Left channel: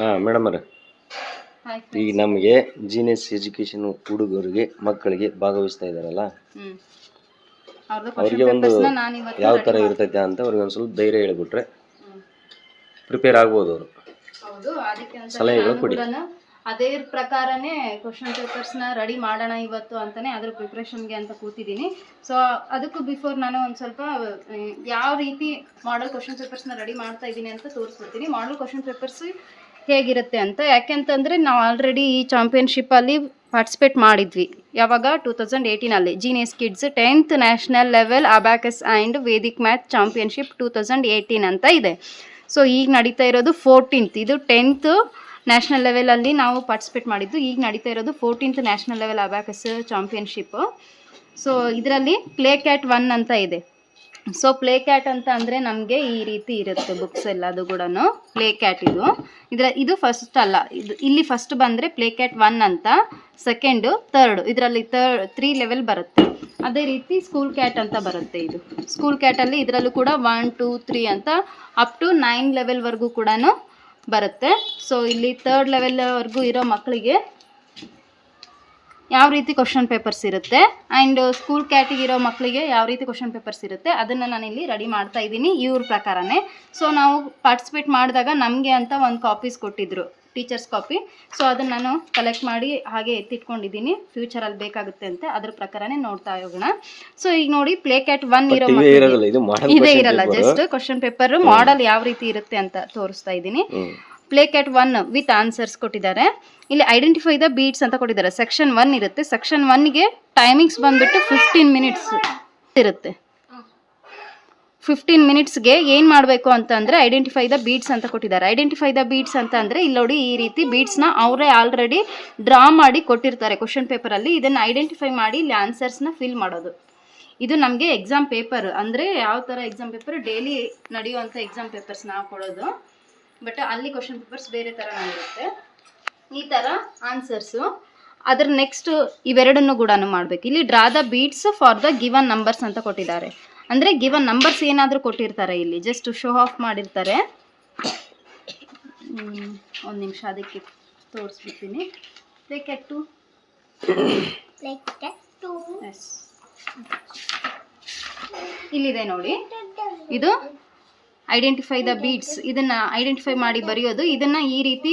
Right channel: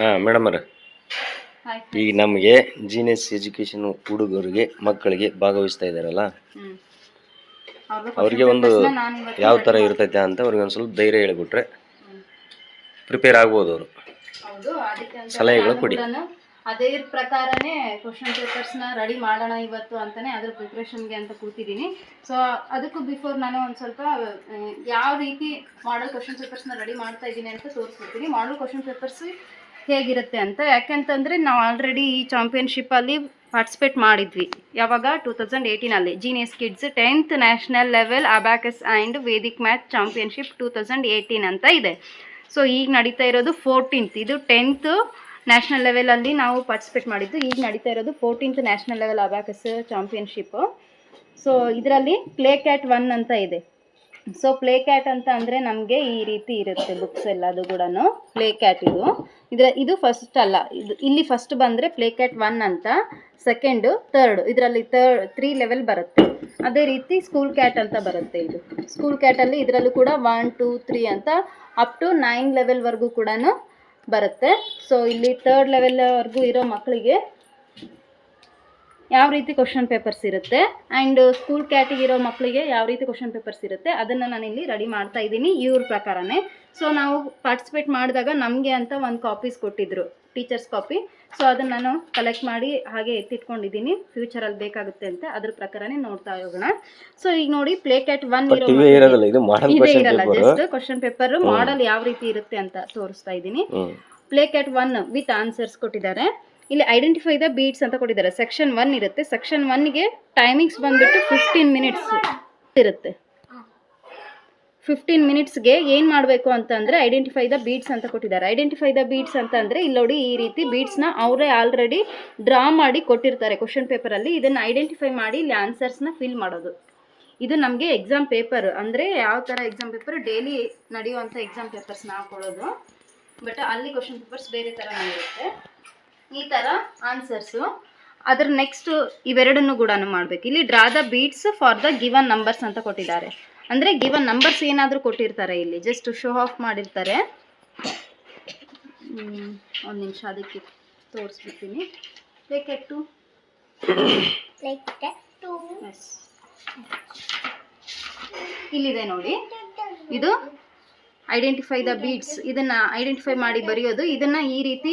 ಹಾಂ ಮೇಡಮ್ ಅವ್ರೆ. ಈಗ ನಮಗೆ ಜೀನಿಯಸ್ ಎಜುಕೇಶನ್ ಹುಡುಗರಿಗೆ ಮಕ್ಕಳಿಗೆ ಭಾಗವಹಿಸ್ತಾ ಇದ್ದಾರಲ್ಲ? ಅವರಿಗೆ ಒಂದು ಯಾವ ಥರ ಇರ್ತೈತೆ ಅಂತ ಅವ್ರಿಗೆ ಒಂದು ಸ್ವಲ್ಪ ಧೈರ್ಯ ಹೇಳಿಬಿಟ್ರೆ ಪ್ರಿಪೇರ್ ಆಗ್ಬೋದು ಅವರು. ಸಲಹೆಗಳು ಕೊಡಿ. ಅದೇ ಪ್ರಕಾರನೇ ಕ್ವಶನ್ ಪೇಪರ್ಸ್ನ ರೆಡಿ ಮಾಡೋಣ ಇವತ್ತು ಅಂತಾನೆ ಅದ್ರ ಪ್ರಿಪ್ರೇಷನ್ಗೆ ಅಂತ ಕೂತಿದ್ದೀನಿ. ಸೊ ಅದಕ್ಕೂ ಬಿಫೋರ್ ನಾನು ಒಂದು ಸ್ವಲ್ಪ ಯಾವ ರೀತಿ ಮಾಡಲ್ ಕ್ವಶನ್ ಪೇಪರ್ಸ್ನ ರೆಡಿ ಮಾಡ್ತಾ ಇದ್ದೀನಿ ಅಂತ ತೋರಿಸ್ಬಿಡ್ತೀನಿ ಮಾಡಲ್ ಕ್ವಶನ್ ಪೇಪರ್ಸ್ ಹೇಗಿರುತ್ತೆ ಅಂತ. ಯಾಕೆಂತಂದರೆ ನಾವು ಆಲ್ರೆಡಿ ಈ ಚಾಂಪಿಯನ್ಶಿಪ್ಪಲ್ಲಿ ಪಾರ್ಟಿಸಿಪೇಟ್ ಮಾಡಿದ್ವಿ. ಯಾವಾಗ? Two thousand ಏಯ್ಟೀನಲ್ಲಿ genius kids tenth national level abacus and Vedic math championship two thousand eighteen ಅಂತ ಇದೆ. ಸೊ ಈಗ ನಡೀತಾ ಇರೋದು ಫೋರ್ಟೀನ್ತ್ ಇದು ಟೆಂತ್ ನ್ಯಾಷನಲ್ ಲೆವೆಲಲ್ಲಿ ನಾವು ಪಾರ್ಟಿಸಿಪೇಟ್ ಮಾಡಿದ್ದು. ಈಗ ನಡೀತಾ ಇರೋದು fourteenth national level abacus championship so ಇದರಲ್ಲಿ ಪ್ಲೇ ಕ್ಯಾಟ್ ಒನ್ ಅಂತ ಇದೆ. ಸೊ ಪ್ಲೇ ಕ್ಯಾಟ್ ಅಂತ ಅಂದರೆ ನಮಗೆ ಈ ರೀತಿ ಇರುತ್ತೆ ಬುಕ್ಸ್ ಎಲ್ಲದು ಕೂಡ ಪ್ಲೇ ಕ್ಯಾಟ್ ಇದು. ಇದರ ಇದು ಫಸ್ಟ್ ಅಲ್ಲ. ಇದು ಇಲ್ಲಿ ಫಸ್ಟ್ ಬಂದರೆ ಪ್ಲೇ ಕ್ಯಾಟ್ ಒನ್ ಅಂತ ಸೆಕೆಂಡು ತರ್ಡು ಇದರಲ್ಲಿ ತರ್ಡ್ ತ್ರೀ ಲೆವೆಲ್ ಬರುತ್ತೆ. ಅದೇ ರೀತಿ ಸ್ಕೂಲ್ ಕ್ಯಾಟ್ ಅಂತ ಬರುತ್ತೆ ಇದು. ಸ್ಕೂಲ್ ಕ್ಯಾಟಲ್ಲಿ ಇದರಲ್ಲೂ ಕೂಡ ಒನ್ ಟೂ ತ್ರೀ ಅಂತ ಅಪ್ ಟು ನೈನ್ ಲೆವೆಲ್ವರೆಗೂ ಕೂಡ ಬರುತ್ತೆ. ಸೊ ಇಲ್ಲಿ ತರ್ಡ್ ಲೆವೆಲ್ವರೆಗೂ ಇರೋ ಮಕ್ಕಳಿಗೆ ಯಾವ ರೀತಿ ಕ್ವಶನ್ ಪೇಪರ್ಸ್ ಇರುತ್ತೆ? ಆ್ಯಂಡ್ ಸ್ಕೂಲ್ ಕ್ಯಾಟಿಗೆ ಇರೋ ಮಕ್ಕಳಿಗೆ ಯಾವ ರೀತಿ ಕ್ವಶನ್ ಪೇಪರ್ಸ್ ಇರುತ್ತೆ? ಅದನ್ನು ನಾನಿಲ್ಲಿ ರೆಡಿ ಮಾಡ್ತಾ ಇದ್ದೀನಿ ಇವ್ರ ಪ್ರಕಾರನೇ. ಸೊ ನಾವು ಪಾರ್ಟಿಸಿಪೇಟ್ ಮಾಡಿದಾಗ ನಮಗೆ ಅಂತ ಒಂದು ಕಾಪೀಸ್ ಕೊಟ್ಟಿದ್ರು ಟೀಚರ್ಸ್ ಕಾಪಿ ಸೊ ಅದನ್ನು ನಾನು ಕಲೆಕ್ಟ್ ಮಾಡಿ ಹಾಗೆ ಎತ್ತಿಟ್ಕೊಂಡಿದ್ದೀನಿ. ಫ್ಯೂಚರಲ್ಲಿ ಬೇಕಾಗುತ್ತೆ ಅಂತ ಅದ್ರ ಪ್ರಕಾರನೇ ನೋಡ್ತಾ ಹೋಗೋಣ. ಸೊ ಈಗ ನೋಡಿ ಪ್ಲೇ ಕ್ಯಾಟ್ ಒನ್ ಇದು ಇರಲ್ಲ ಜಸ್ಟ್ ಕ್ವಶನ್ ಪೇಪರ್ ಮಾಡಲ್ ಯಾವ ರೀತಿ ಇರುತ್ತೆ ಅಂತ ತೋರಿಸ್ತಾ ಇದ್ದೀನಿ. Play cat one with answers ಕೊಟ್ಟಿದ್ದಾರೆ. ಇಲ್ಲಿ ಐಡೆಂಟಿಫೈ ದ ಬೀಟ್ಸ್ ಅಂತ ಕೊಟ್ಟಿದ್ದಾರೆ. ಸೆಕ್ಷನ್ ಒನ್ ಇರುತ್ತೆ. ಸೆಕ್ಷನ್ ಒನ್ಗೆ ಟೈಮಿಂಗ್ಸ್ ಬಂದ್ಬಿಟ್ಟು ಫಿಫ್ಟೀನ್ ಮಿನಿಟ್ಸ್ ಇರುತ್ತೆ. ಫಿಫ್ಟೀನ್ ಮಿನಿಟ್ಸ್ಗೆ ಏನು ಮಾಡಬೇಕು ಅಂತಂದರೆ ಐಡೆಂಟಿಫೈ ದ ಬೀಟ್ಸ್ ಅಂತ ಕೊಟ್ಟಿದ್ದಾರೆ. ಐಡೆಂಟಿಫೈ ದ ಬೀಟ್ಸ್ ಅಂತ ಅಂದರೆ ಇಲ್ಲಿ ನೋಡಿ ಈ ರೀತಿ ಬೀಟ್ಸ್ನ ಅವರೇ ಆಲ್ರೆಡಿ ಡ್ರಾ ಮಾಡಿ ಕೊಟ್ಟಿರ್ತಾರೆ ಕ್ವಶನ್ ಪೇಪರಲ್ಲಿ ಇದನ್ನು ಐಡೆಂಟಿಫೈ ಮಾಡಿ ಇಲ್ಲಿ ಆನ್ಸರ್ಸ್ನ ಫಿಲ್ ಮಾಡೋದು. ಇದು ನಮಗೆ ಎಕ್ಸಾಮ್ ಪೇಪರ್ ಅಂದರೆ ಯಾವ ಥರ ಎಕ್ಸಾಮ್ ಪೇಪರ್ ಡೈಲಿ ನಡೆಯುವಂಥ ಎಕ್ಸಾಮ್ ಪೇಪರ್ಸ್ ನಾವು ಕೊಡೋದು. ಬಟ್ ಅಲ್ಲಿ ಕ್ವಶನ್ ಪೇಪರ್ಸ್ ಬೇರೆ ಥರ ಇರುತ್ತೆ ಈ ಥರ ಆನ್ಸರ್ಸು ಅದರ ನೆಕ್ಸ್ಟ್ ಇವೆರಡನ್ನು ಕೂಡ ಮಾಡಬೇಕು. ಇಲ್ಲಿ draw the beats for the given numbers ಅಂತ ಕೊಟ್ಟಿದ್ದಾರೆ. ಅಂದರೆ ಗಿವನ್ ನಂಬರ್ಸ್ ಏನಾದರೂ ಕೊಟ್ಟಿರ್ತಾರೆ ಇಲ್ಲಿ. ಜಸ್ಟ್ ಶೋ ಆಫ್ ಮಾಡಿರ್ತಾರೆ. ಒಂದು ನಿಮಿಷ ಅದಕ್ಕೆ ತೋರಿಸ್ಬಿಡ್ತೀನಿ. ಟು ಇಲ್ಲಿದೆ ನೋಡಿ. ಇದು ಐಡೆಂಟಿಫೈ ದ ಬೀಟ್ಸ್ ಇದನ್ನ ಐಡೆಂಟಿಫೈ ಮಾಡಿ ಬರೆಯೋದು. ಇದನ್ನ ಈ ರೀತಿ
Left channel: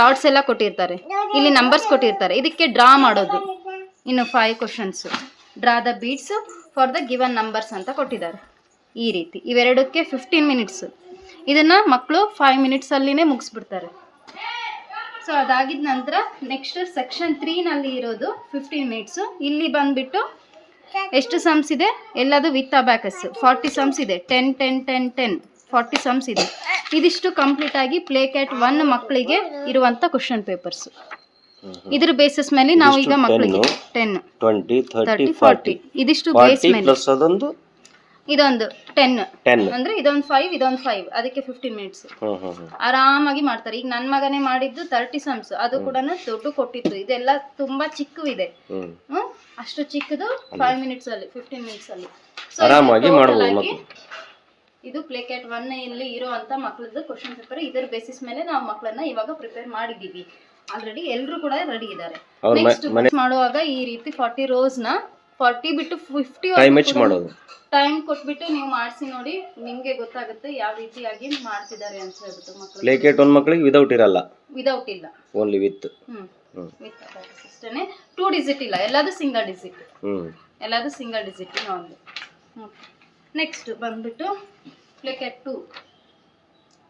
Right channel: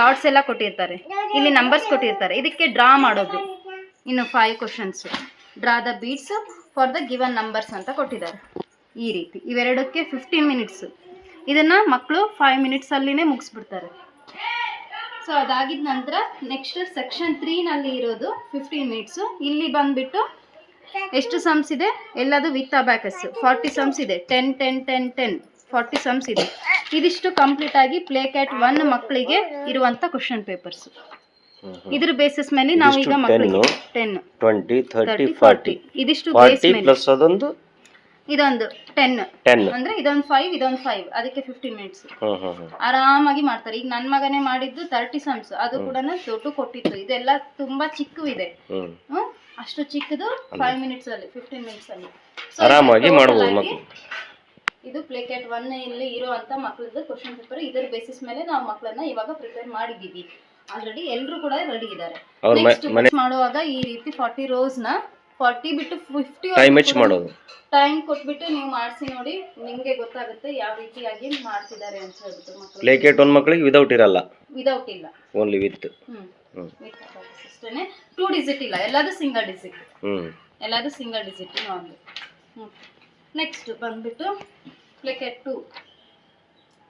ರಾಡ್ಸ್ ಎಲ್ಲ ಕೊಟ್ಟಿರ್ತಾರೆ. ಇಲ್ಲಿ ನಂಬರ್ಸ್ ಕೊಟ್ಟಿರ್ತಾರೆ. ಇದಕ್ಕೆ ಡ್ರಾ ಮಾಡೋದು. ಇನ್ನು five questions draw the beads for the given numbers ಅಂತ ಕೊಟ್ಟಿದ್ದಾರೆ. ಈ ರೀತಿ. ಇವೆರಡಕ್ಕೆ ಫಿಫ್ಟೀನ್ ಮಿನಿಟ್ಸ್ ಇದನ್ನ ಮಕ್ಕಳು ಫೈವ್ ಮಿನಿಟ್ಸಲ್ಲಿನೇ ಮುಗಿಸ್ಬಿಡ್ತಾರೆ. ಸೊ ಅದಾಗಿದ ನಂತರ ನೆಕ್ಸ್ಟ್ ಸೆಕ್ಷನ್ ತ್ರೀನಲ್ಲಿ ಇರೋದು ಫಿಫ್ಟೀನ್ ಮಿನಿಟ್ಸು ಇಲ್ಲಿ ಬಂದ್ಬಿಟ್ಟು ಎಷ್ಟು ಸಮ್ಸ್ ಇದೆ? ಎಲ್ಲದು ವಿತ್ ಅಬ್ಯಾಕಸ್ ಫಾರ್ಟಿ ಸಮ್ಸ್ ಇದೆ. Ten ten ten ten forty sums ಇದೆ. ಇದಿಷ್ಟು ಕಂಪ್ಲೀಟ್ ಆಗಿ ಪ್ಲೇ ಕ್ಯಾಟ್ ಒನ್ ಮಕ್ಕಳಿಗೆ ಇರುವಂತ ಕ್ವಶನ್ ಪೇಪರ್ಸ್ ಇದ್ರ ಬೇಸಿಸ್ ಮೇಲೆ ನಾವು ಈಗ ಮಕ್ಕಳಿಗೆ 10, ಟೆನ್ ಟ್ವೆಂಟಿ ತರ್ಟಿ ಫಾರ್ಟಿ ಇದಿಷ್ಟು ಬೇಸ್ ಮೇಲೆ. ಪ್ಲಸ್ ಅದೊಂದು? ಇದೊಂದು ಟೆನ್ ಟೆನ್ ಅಂದ್ರೆ ಇದೊಂದು ಫೈವ್ ಇದೊಂದು ಫೈವ್ ಅದಕ್ಕೆ ಫಿಫ್ಟೀನ್ ಮಿನಿಟ್ಸ್ ಆರಾಮಾಗಿ ಮಾಡ್ತಾರೆ. ಈಗ ನನ್ನ ಮಗನೇ ಮಾಡಿದ್ದು ತರ್ಟಿ ಸಮ್ಸ್ ಅದು ಕೂಡ ದೊಡ್ಡ ಕೊಟ್ಟಿತ್ತು. ಇದೆಲ್ಲ ತುಂಬಾ ಚಿಕ್ಕವಿದೆ? ಅಷ್ಟು ಚಿಕ್ಕದು ಫೈವ್ ಮಿನಿಟ್ಸ್ ಅಲ್ಲಿ ಫಿಫ್ಟೀನ್ ಮಿನಿಟ್ಸ್ ಅಲ್ಲಿ. ಆರಾಮಾಗಿ ಇದು ಮಾಡ್ಬೋದು total ಮಕ್ಕಳು ಆಗಿ ಇದು ಪ್ಲೇ ಕ್ಯಾಟ್ ಒನ್ ಇಲ್ಲಿ ಇರುವಂತ ಮಕ್ಕಳದ್ದು ಕ್ವಶನ್ ಪೇಪರ್ ಇದರ ಬೇಸಿಸ್ ಮೇಲೆ ನಾವು ಮಕ್ಕಳನ್ನ ಇವಾಗ ಪ್ರಿಪೇರ್ ಮಾಡಿದೀವಿ ಆಲ್ರೆಡಿ ಎಲ್ಲರೂ ಕೂಡ ರೆಡಿ ಇದ್ದಾರೆ. ನೆಕ್ಸ್ಟ್ ಮಾಡುವಾಗ ಈ ರೀತಿ ಫಾರ್ಟಿ ರೋಸ್ನ ಫಾರ್ಟಿ ಬಿಟ್ಟು ಫಿಫ್ಟಿ ಟೈಮ್ ಹೆಚ್ಚು ಮಾಡೋದು. ಟೈಮ್ ಕೊಟ್ಬಿಟ್ಟು ನೀವು ಮಾಡಿಸಿ ನೋಡಿ ನಿಮ್ಗೆ ಗೊತ್ತಾಗುತ್ತೆ ಯಾವ ರೀತಿಯಾಗಿ ಮಾಡ್ತಿದ್ದಾರೆ ಅಂತ ಹೇಳ್ಬಿಟ್ಟು ಮಕ್ಕಳು ಪ್ಲೇ ಮಕ್ಕಳಿಗೆ ವಿದೌಟ್ ಇರಲ್ಲ. ವಿದೌಟ್ ಇಲ್ಲ. Only with hmm. ವಿತ್ ಅಷ್ಟೇ ಟೂ ಡಿಜಿಟ್ ಇಲ್ಲ. ಎಲ್ಲಾದ್ರೂ ಸಿಂಗಲ್ ಡಿಜಿಟ್ ಎಲ್ಲಾದ್ರೂ ಎಲ್ಲದು ಸಿಂಗಲ್ ಡಿಜಿಟ್ ಒಂದು. ನೆಕ್ಸ್ಟ್ ಬಂದ್ಬಿಟ್ಟು ಪ್ಲೇಕೆಟ್ ಟು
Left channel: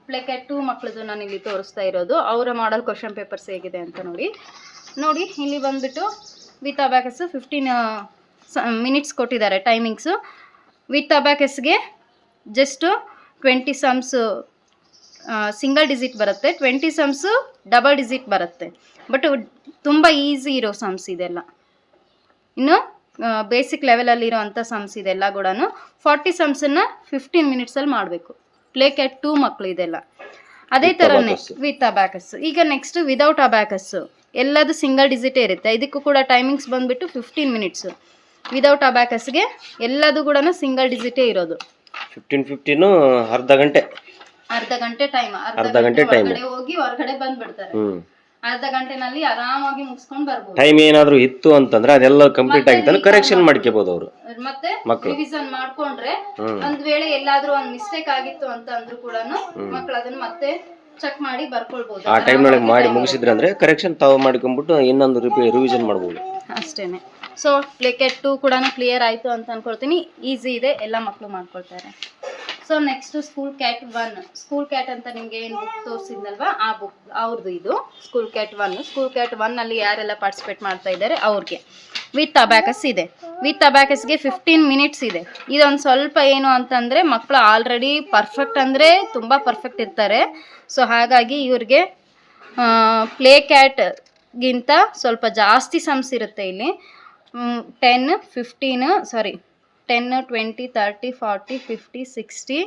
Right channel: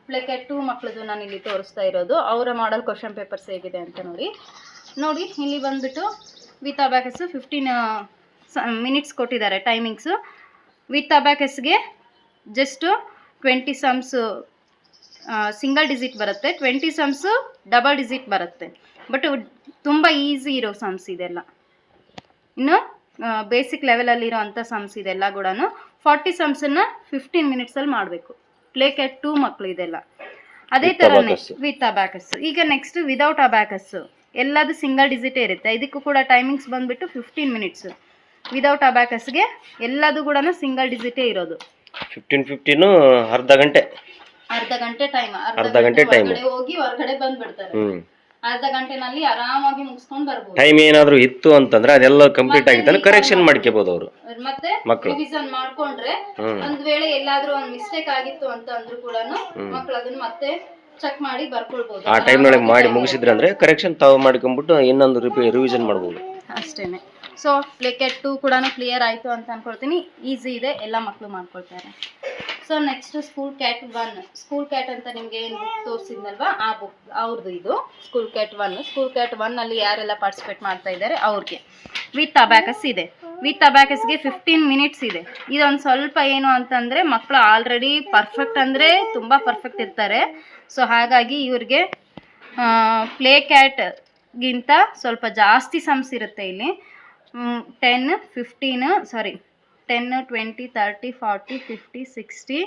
ಪ್ಲೇಕೆಟ್ ಟು ಮಕ್ಕಳದು ನಾನು ಇಲ್ಲಿ ತೋರಿಸ್ತಾ ಇರೋದು. ಅವರ ಮಾಡಲ್ ಕ್ವಶನ್ ಪೇಪರ್ಸ್ ಹೇಗಿದೆ ಅಂತ ನೋಡಿ. ನೋಡಿ, ಇಲ್ಲಿ ಬಂದ್ಬಿಟ್ಟು ವಿತ್ ಅಬ್ಯಾಕಸ್ಸು ಫಿಫ್ಟೀನ್ ಮಿನಿಟ್ಸ್ ಕೊಟ್ಟಿದ್ದಾರೆ timings with ಅಬ್ಯಾಕಸ್ಗೆ just twenty sums single digit ಬರುತ್ತೆ. ಟ್ವೆಂಟಿ ಸಮ್ಸು ಡಬಲ್ ಡಿಜಿಟ್ ಬರುತ್ತೆ. ಬಟ್ ತುಂಬ ಈಸಿ ಇರೋ ಸಮ್ಸ್ ಇದೆಲ್ಲ. ಇನ್ನು ಬೇಸಿಕ್ ಲೆವೆಲಲ್ಲಿರೋ ಅಂಥ ಸಮ್ಸ್ ಇದೆಲ್ಲ ಕೂಡ ಫಾರ್ಟಿ ಸಮ್ಸನ್ನು ಫಿಫ್ಟೀನ್ ಮಿನಿಟ್ಸಲ್ಲಿ ಮಾಡಬೇಕು. ಪ್ಲೇ ಕ್ಯಾಟ್ ಟೂ ಮಕ್ಕಳು ಇದೆಲ್ಲ. ಅದೇ ಥರ ನೆಕ್ಸ್ಟ್. ವಿತ್ ಅಬ್ಯಾಕಸ್ ಈಗ ನೆಕ್ಸ್ಟ್ ವಿದೌಟ್ ಅಬ್ಯಾಕಸ್ ಎಲ್ಲದು ಸಿಂಗಲ್ ಡಿಜಿಟ್ ಇರುತ್ತೆ. ಇದಕ್ಕೂ ಕೂಡ ಟೈಮಿಂಗ್ಸ್ ಬಂದುಬಿಟ್ಟು ಫಿಫ್ಟೀನ್ ಮಿನಿಟ್ಸ್ ವಿದೌಟ್ ಅಬ್ಯಾಕಸ್ಗೆ ಎಲ್ಲದು ಕೂಡ ಸಿಂಗಲ್ ಡಿಜಿಟೇ ಇರೋದು. ಫಿಫ್ಟೀನ್ ಫಿಫ್ಟೀನು ಅರ್ಧ ಗಂಟೆ. ಅರ್ಧ ಗಂಟೆ ಟೈಮ್ ಅರ್ಧ ಗಂಟೆ. ಹೋಗಿ ಹೊರಗಡೆ ಬಂದ್ಬಿಡ್ತಾರೆ. ಅರ್ಧ ಗಂಟೆನಲ್ಲಿ ಆರಾಮಾಗಿ ಮುಗಿಸ್ಕೊಂಡು ಬರ್ಬೋದು. ಟೈಮ್ ಏನಾದ್ರು ಇತ್ತು ಅಂತಂದ್ರೆ ಅದೆಲ್ಲ ಕಂಪ್ಲೀಟ್ ಆಗಿತ್ತಲ್ಲ ಕರೆಕ್ಷನ್ ಮಾಡ್ಕೋಬಹುದು ಅವರು. ಮತ್ತೆ. ರಿವಿಷನ್ ಮಾಡ್ಕೊಂಡ್ರೆ ಒಂದ್ ವೇಳೆ ಎಲ್ಲಾದ್ರೂ ಒಂದ್ ಮಿಸ್ಟೇಕ್ ಆಗಿತ್ತು ಅಂತ ಅಂದ್ರೂ ಕೂಡ ಮಕ್ಳು ಅದನ್ನ ಮತ್ತೆ ಚೆಕ್ ಮಾಡಿ ಬರ್ಕೊಳ್ಬಹುದು ಆ ಟೈಮ್ನೊಳಗೆ ಮಾಡಿ ಮುಗಿಸಿದ್ರೆ ಅಂದ್ರೆ ಕರೆಕ್ಷನ್ ತಾವು ಮಾಡ್ಕೊಂಡ್ಬಿಟ್ಟು ಇನ್ನೊಂದು ರಿವಿಷನ್ ಮಾಡ್ಬೋದು. ಅಷ್ಟೇನೆ. ಸೊ ಪ್ಲೇಕೆಟ್ ಟು ಕೂಡ ಕ್ಲಿಯರ್ ಆಯ್ತು ಅಂತ ಅನ್ಕೊಳ್ತೀನಿ. ಈಸಿ ಇದೆ. ಎಲ್ಲ ಮಕ್ಕಳು ಮಾಡ್ಕೊಳ್ತಾರೆ. So next school cat one school cat ಅಂತ ನಿಮಗೆ ಏನು ಬುಕ್ ತೋರಿಸಿದ್ನಲ್ವಾ? ಆ ಬುಕ್ ಅವ್ರದ್ದು ಇದು. School cat one school cat ಒನ್ನಲ್ಲಿ ಯಾರೆಲ್ಲ ಪಾರ್ಟಿಸಿಪೇಟ್ ಮಾಡ್ತಾ ಇದ್ದಾರೆ? ಅವ್ರಿಗೆ. ವಿತ್ ಅಬ್ಯಾಕಸ್ ಇದೆ. ವಿತ್ ಅಬ್ಯಾಕಸ್ಗೆ ಫಿಫ್ಟೀನ್ ಮಿನಿಟ್ಸ್ ಇದೆ. ಇದೊಂದು ಸ್ವಲ್ಪ ಏನು ಅಂತಂದರೆ ಮಕ್ಕಳು ಆಲ್ರೆಡಿ ಪರ್ಫೆಕ್ಟ್ ಅಂದರೆ ತುಂಬ ಪರ್ಫೆಕ್ಟ್ ಇರ್ತಾರೆ. ಸೊ ಹಾಗಾಗಿ ಇವ್ರಿಗೆ ಪ್ಲೇ ಕ್ಯಾಟ್ಗಿಂತ ಸ್ವಲ್ಪ ಜಾಸ್ತಿ ಸಮ್ಸ್ ಇರುತ್ತೆ ಇಲ್ಲಿ. Ten fifteen sorry ten twenty thirty forty fifty sixty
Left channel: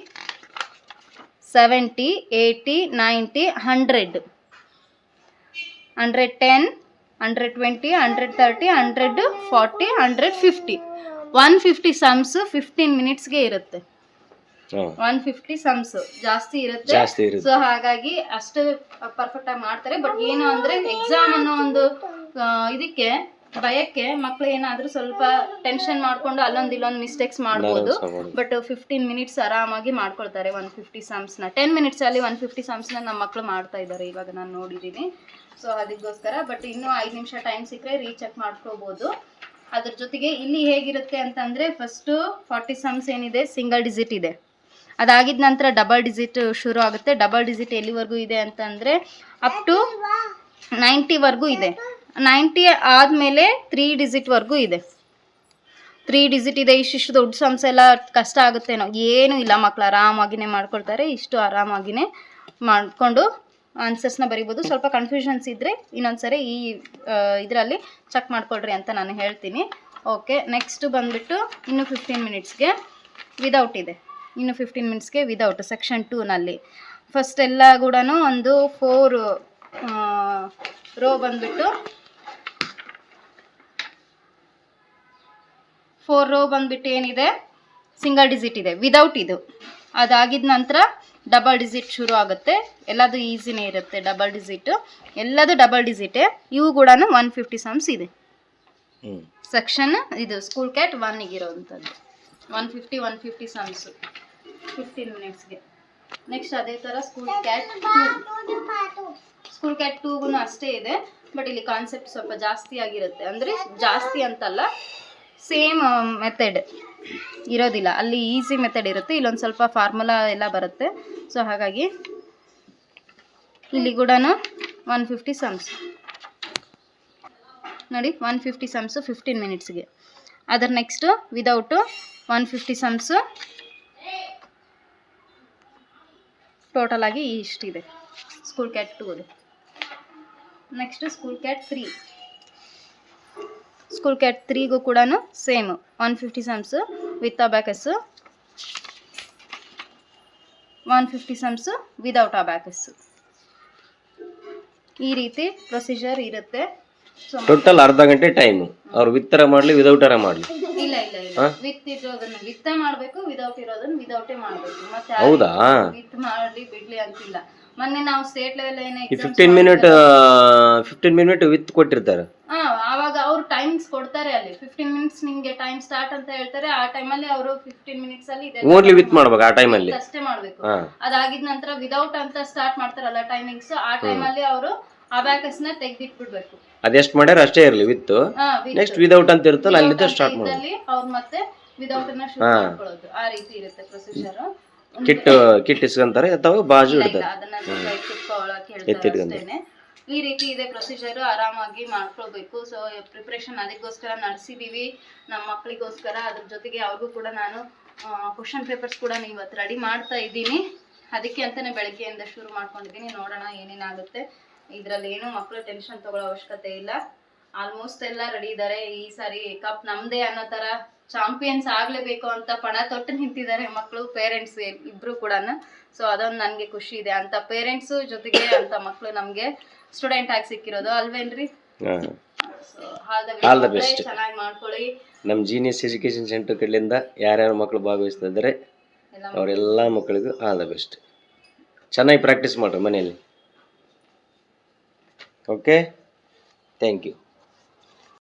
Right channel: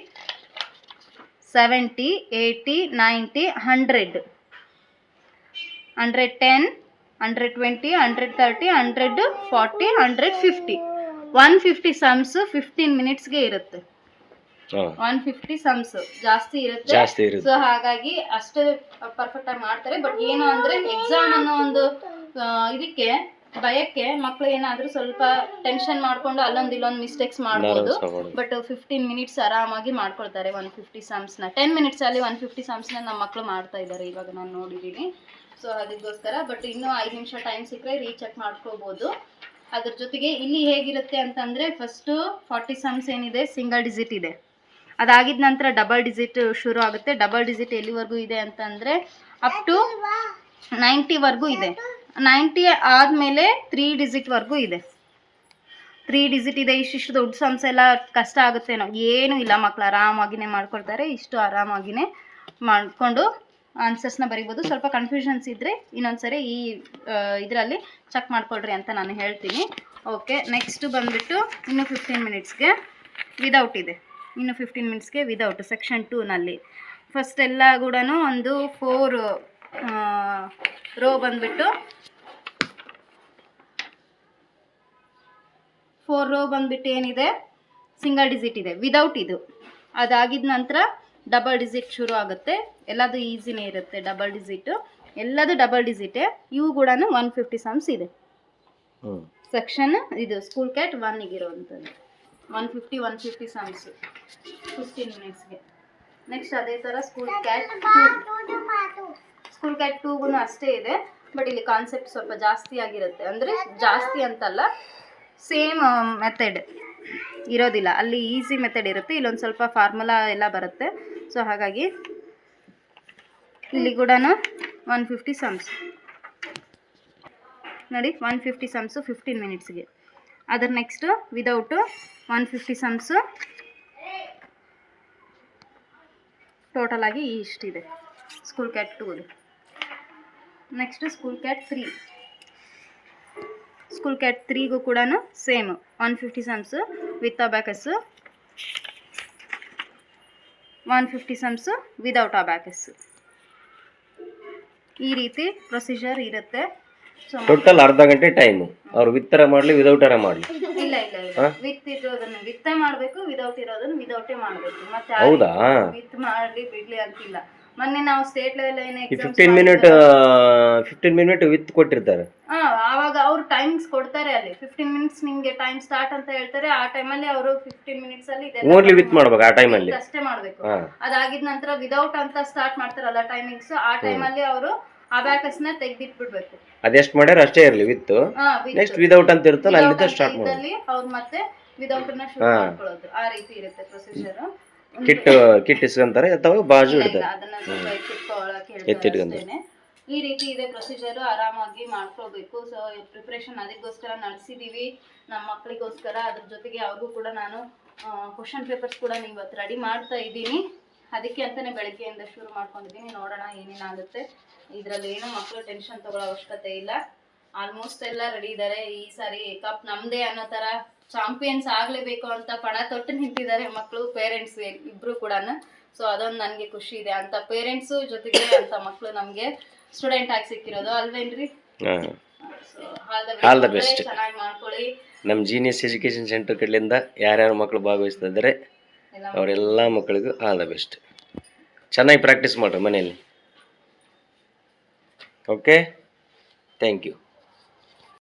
seventy eighty ninety hundred hundred ten hundred twenty hundred thirty hundred forty hundred fifty one fifty sums fifteen ಮಿನಿಟ್ಸ್ಗೆ ಇರುತ್ತೆ. One fifty sums ಜಾಸ್ತಿ ಇರುತ್ತೆ. So ಹಾಗಾಗಿ ಅಷ್ಟು perfect ಆಗಿ ಮಾಡ್ತಾರೆ. But ಏನು ಅಂದ್ರೆ exam ಅನ್ನೋ ಒಂದು ಇದಕ್ಕೆ ಭಯಕ್ಕೆ ಮಕ್ಳು ಏನಾದ್ರೂ ಸ್ವಲ್ಪ ಟೆನ್ಷನ್ ಮಾಡ್ಕೊಂಡು ಅಲ್ಲೊಂದು ಇಲ್ಲೊಂದು ಮಿಸ್ಟೇಕ್ಸ್ ಮಾಡ್ಬೋದು. ಬಟ್ ಫಿಫ್ಟೀನ್ ಮಿನಿಟ್ಸ್ ಆರಾಮಾಗಿ ಮಾಡ್ಕೊಳ್ತಾರೆ. ಒನ್ ಫಿಫ್ಟಿ ಸಮ್ಸ್ನ ಟೆನ್ ಮಿನಿಟ್ಸ್ ಅಲ್ಲಿ ಒನ್ ಫಿಫ್ಟಿ ನ ನಮ್ಮ ಮಕ್ಕಳು ಮಾಡ್ತಾ ಇದ್ದಾರೆ ಇವಾಗ ನಾನು ನೋಡಿದೀನಿ. ಸೊ ಅದಕ್ಕೋಸ್ಕರ ಬಟ್ ಇನ್ನೂ ಐದು ನಿಮಿಷ ಟೈಮ್ ಸಿಕ್ಕರೆ ರೀಚೆಕ್ ಮಾಡ್ಕೋಬಹುದು ಅದ್ರ ಜೊತೆಗೆ ಇಲ್ಲಿ ಹೇಗಿರುತ್ತೆ ಅಂತಂದ್ರೆ ಫಸ್ಟ್ ಫಾರ್ಟಿ ಸಮ್ಸ್ ಏನಿದೆ? ಸಿಂಗಲ್ ಡಿಜಿಟ್ ಇದೆ. ಅದಾಗಿದ ನಂತರ ಡಬಲ್ ಡಿಜಿಟ್ ಶುರು ಆಗುತ್ತೆ. ಡಬಲ್ ಡಿಜಿಟ್ ಎಲ್ಲಿವರೆಗೂ ಇದೆ ಅಂತಂದ್ರೆ ಅಪ್ ಟು ನೈಂಟಿವರೆಗೂ ಇದೆ. ನೈಂಟಿ ಆದಮೇಲೆ ತ್ರೀ ಡಿಜಿಟ್ವರೆಗೂ ಇದೆ. ತ್ರೀ ಡಿಜಿಟ್ ಇದೆ, ಇಷ್ಟಿಷ್ಟು ದೊಡ್ಡ ಸಂಸ್ಥೆ ಎಲ್ಲ ಕಷ್ಟ ಆಗುತ್ತೇನೋ ಏನೂ. ಇಲ್ಲ ಮಕ್ಕಳು ಆರಾಮಾಗಿನೇ ಮಾಡ್ಕೊಳ್ತಾರೆ, ಇಷ್ಟು ಆರಾಮಾಗಿನೇ ಮಾಡಿಕೊಂಡು ಆನ್ಸರ್ಸ್ನ ಬರಿಬೋದು. ಸ್ವಲ್ಪ ಕನ್ಫ್ಯೂಷನ್ಸ್ ಇದ್ದರೆ ಇನ್ನೊಂದ್ಸರಿ ಈ ಇದರಲ್ಲಿ ಚೆಕ್ ಮಾಡ್ಕೊಳ್ರಿ ಅಂತ ನಾನು ಹೇಳ್ತೀನಿ. ಓಕೆ ನೆಕ್ಸ್ಟು ಬಂದುಬಿಟ್ಟು ಇನ್ನು ಫಿಫ್ಟೀನ್ ಮಿನಿಟ್ಸ್ಗೆ ವಿದೌಟ್ ಇದೆ. ಇನ್ನು ಫಿಫ್ಟೀನ್ ಮಿನಿಟ್ಸ್ಗೆ ವಿದೌಟ್ ಸೆಕ್ಷನ್ ಟೂನಲ್ಲಿ ಫಸ್ಟ್ ಎಲ್ಲ ಕೂಡ ಒಂದು ಫೋರ್ ರೋ ಬಂದುಬಿಟ್ಟು ಫೋರ್ ರೋ ಬಂದ್ಬಿಟ್ಟು ಏನಿದೆ? ಸಿಂಗಲ್ ಡಿಜಿಟ್ ಇದೆ. ವಿದೌಟ್ ಇದು. ಅದಾಗಿದ ನಂತರ ಡಬಲ್ ಡಿಜಿಟ್ ಶುರು ಆಗುತ್ತೆ. ಎಲ್ಲದು ಈಸಿನೇ ಇರುತ್ತೆ ಡಬಲ್ ಡಿಜಿಟ್ ಎಲ್ಲದು ಡಬಲ್ ಡಿಜಿಟ್ ಇವು ಕೂಡ ಒನ್ ಫಿಫ್ಟಿ ಸಮ್ಸ್ ಇದೆ. ಸೆಕ್ಷನ್ ಇದು ಸ್ಕೂಲ್ ಕ್ಯಾಟ್ ಒನ್ನಿಗೆ ಇರೋವಂಥದ್ದು one fifty one fifty sums fifteen ಮಿನಿಟ್ಸ್ಗೆ next ಅದೇ ಥರ school cat two school cat ಟೂಗೂ ಅಷ್ಟೇ ಇದೆ. ಬಟ್ ಇಲ್ಲಿ ಕಾನ್ಸೆಪ್ಟ್ ಸ್ವಲ್ಪ ಜಾಸ್ತಿ ಆಗಿರುತ್ತೆ. ಅಂದರೆ ಜಾಸ್ತಿ ಅಂತಲ್ಲ. ಸೇಮ್ ಮೆಥಡ್ ಇರೋದಿಲ್ಲ. ಅಲ್ಲಿ ಈಸಿ ಮೆಥಡ್ ಇರುತ್ತೆ. ಇಲ್ಲೊಂದು ಸ್ವಲ್ಪ ಫಾರ್ಮುಲಾ ಎಲ್ಲ ಬರುತ್ತೆ. ಸೊ ಹಾಗಾಗಿ ಇಲ್ಲಿ ಕೂಡ ಒನ್ ಫಿಫ್ಟಿ ಸಮ್ಸ್ ನೋಡಿ ಒನ್ ಫಿಫ್ಟಿ ಸಮ್ಸು ಫಿಫ್ಟೀನ್ ಮಿನಿಟ್ಸ್ಗೆ ಅದರ next without one fifty sums ಟೋಟಲಾಗಿ ಇಷ್ಟಿದೆ. School cat two next school cat three school cat ತ್ರೀಗೂ ಕೂಡ same one fifty sums with abacus one fifty sums without abacus ಈ ರೀತಿ procedure ಇರುತ್ತೆ. Total ಅರ್ಧ ಗಂಟೆ time ಅವ್ರು ವಿತ್ತರ ಮಾಡಲಿ ವಿದೌಟರ ಮಾಡಲಿ. ಇಲ್ಲ ಇಲ್ಲ ಇಲ್ಲ. ವಿತ್ ಇರೋದನ್ನ ವಿತ್ತ ಮಾಡ್ಬೇಕು ವಿದೌಟ್ ಇರೋದನ್ನ ವಿದೌಟೇ ಮಾಡ್ಬೇಕು. ಮತ್ತೆ ಹೌದಾ? ವಿತ್ ಮಾಡ್ಲಿ ಬಿಡ್ಲಿ ಅಂತಿಲ್ಲ. ಮೊನ್ನೆ ನಾವು ಸ್ಟೇಟ್ ಲೆವೆಲ್ ಏನೇ fifteen minute fifteen minute with ಕೊಟ್ಟಿರ್ತಾರೆ. ಆವಾಗ ಅವ್ರು ಟೈಮಿಂಗ್ಸ್ ಕೊಡ್ತಾರೆ ಅಲ್ಲಿ. ಫಿಫ್ಟೀನ್ ಮಿನಿಟ್ಸ್ ನಿಮಗೆ ಟೈಮ್ ಸ್ಟಾರ್ಟ್ ಅಂತ ಹೇಳ್ತಾರೆ ಆ ಟೈಮಲ್ಲಿ ಅವರು ಫಿಫ್ಟೀನ್ ಮಿನಿಟ್ಸ್ ಅಲ್ಲಿ ಇದೆಲ್ಲ ಓನ್ಲಿ ವಿತ್ ಮಾಡ್ಬೇಕು. ಆ ಟೈಮಲ್ಲಿ ಅಷ್ಟೇ ಮಾಡ್ಬೇಕು. ಅದಾಗಿದ ನಂತರ ವಿದೌಟ್ ಅಂತ ಸ್ಟಾರ್ಟ್ ಮಾಡ್ತಾರಲ್ಲ ಟೈಮಿಂಗ್ಸ್ ಆ ಟೈಮಲ್ಲಿ ಅವರು ಅಬ್ಯಾಕಸ್ನ ತೆಗೆದಿಟ್ಬಿಡ್ಬೇಕು. ಅದೆಷ್ಟು ಮಾಡ್ಯಾರ ಅಷ್ಟೇ ಇರಲಿ ವಿತ್ ನೆಕ್ಸ್ಟ್ ವಿದೌಟ್ ಅಂತ ಇರುತ್ತಲ್ಲ ಅಲ್ಲಿಂದ ಸ್ಟಾರ್ಟ್ ಇದ್ದಲ್ಲಿ ಅವ್ರು ಮತ್ತೆ ವಿದೌಟ್ನ ಶುರು ಮಾಡ್ಕೊಳ್ಳೋದು. ಆ ರೀತಿ ಇರುತ್ತೆ ಪ್ರೊಸೀಜರ್ ಕಿಟ್ ಕಿಟ್ ಇಸ್ಕೊಂತಾರೆ ಅಥವಾ ಬಾಜು ಇಡ್ತಾರೆ. ಅದನ್ನ ಈ ರೀತಿ ಇದೆ ಪ್ರೊಸೀಜರ್ ಆರಾಮಾಗಿ ಮಾಡ್ಕೊಳ್ಬೇಕು. ಸೊ ಪ್ರಿಪ್ರೇಷನ್ ಅದಕ್ಕೋಸ್ಕರ ನಡೆಸಿದೀವಿ. ನಮ್ಮ ಮಕ್ಕಳಿಗೋಸ್ಕರ ಅದ್ರ ಜೊತೆಗೆ ಅವ್ರಿಗೂ ಕೂಡ ನಾನು ಕ್ವಶನ್ ಪೇಪರ್ಸ್ ಕೂಡ ಇವತ್ತು ರೆಡಿ ಮಾಡ್ತಾ ಇದ್ದೀನಿ. ಅದಕ್ಕೆ ಅಂತಲೇ ಬೆಳಗ್ಗೆಯಿಂದ ಶುರು ಮಾಡ್ಕೊಂಡಿದ್ದೀನಿ. ನೋಡೋಣ ಏನೇನಾಗುತ್ತೆ ಇದರಲ್ಲಿ ಏನು ಮಕ್ಕಳು ಟೆನ್ಷನ್ ತೊಗೊಳ್ಳೋ ಅವಶ್ಯಕತೆ ಇಲ್ಲ. ಆಲ್ಮೋಸ್ಟ್ ಎಲ್ಲ ರೆಡಿ ಇದ್ದಾರೆ ಈ ಸಾರಿ ಕಪ್ ನಮ್ದೇ ಅನ್ನೋ ಥರ ಚಾಂಪಿಯನ್ಸ್ ಆಗಲೇಬೇಕು ಅಂತ ಪಣ ತೊಟ್ಟು ನಿಂತಿದ್ದಾರೆ ಮಕ್ಕಳು ಪೇರೆಂಟ್ಸ್ ಇಬ್ಬರು ಕೂಡ ಸೊ ಅದೊಂದು ನನಗೆ ಖುಷಿ ಇದೆ. ಅಂತ ಪೇರೆಂಟ್ಸು ಜೊತೆಗೆ ಅಂತ ಮಕ್ಕಳು ನಮಗೆ ಸ್ಟೂಡೆಂಟ್ ಆಗಿ ಸಿಕ್ಕಿರೋದು ಅಲ್ವೇನ್ರಿ? ಹಾಂ. ಆಲ್ ದ ಬೆಸ್ಟ್ ಚೆನ್ನಾಗಿ ಮಾಡ್ಕೊಳ್ಳಿ. ನಮ್ಮ ಜೀನಿಯಸ್ ಎಜುಕೇಷನ್ ಸೆಂಟರ್ ಕಡೆಯಿಂದ ಯಾರ್ಯಾರು ಮಕ್ಕಳು ಭಾಗವಹಿಸ್ತಾ ಇದ್ದಾರೆ ಅವರೆಲ್ಲ ಮಕ್ಕಳಿಗೂ ಆಲ್ ದ ಬೆಸ್ಟ್ ಚೆನ್ನಾಗಿ ಪ್ರಾಕ್ಟೀಸ್ ಮಾಡ್ರಿ ಮನೆಯಲ್ಲಿ. Okay thank you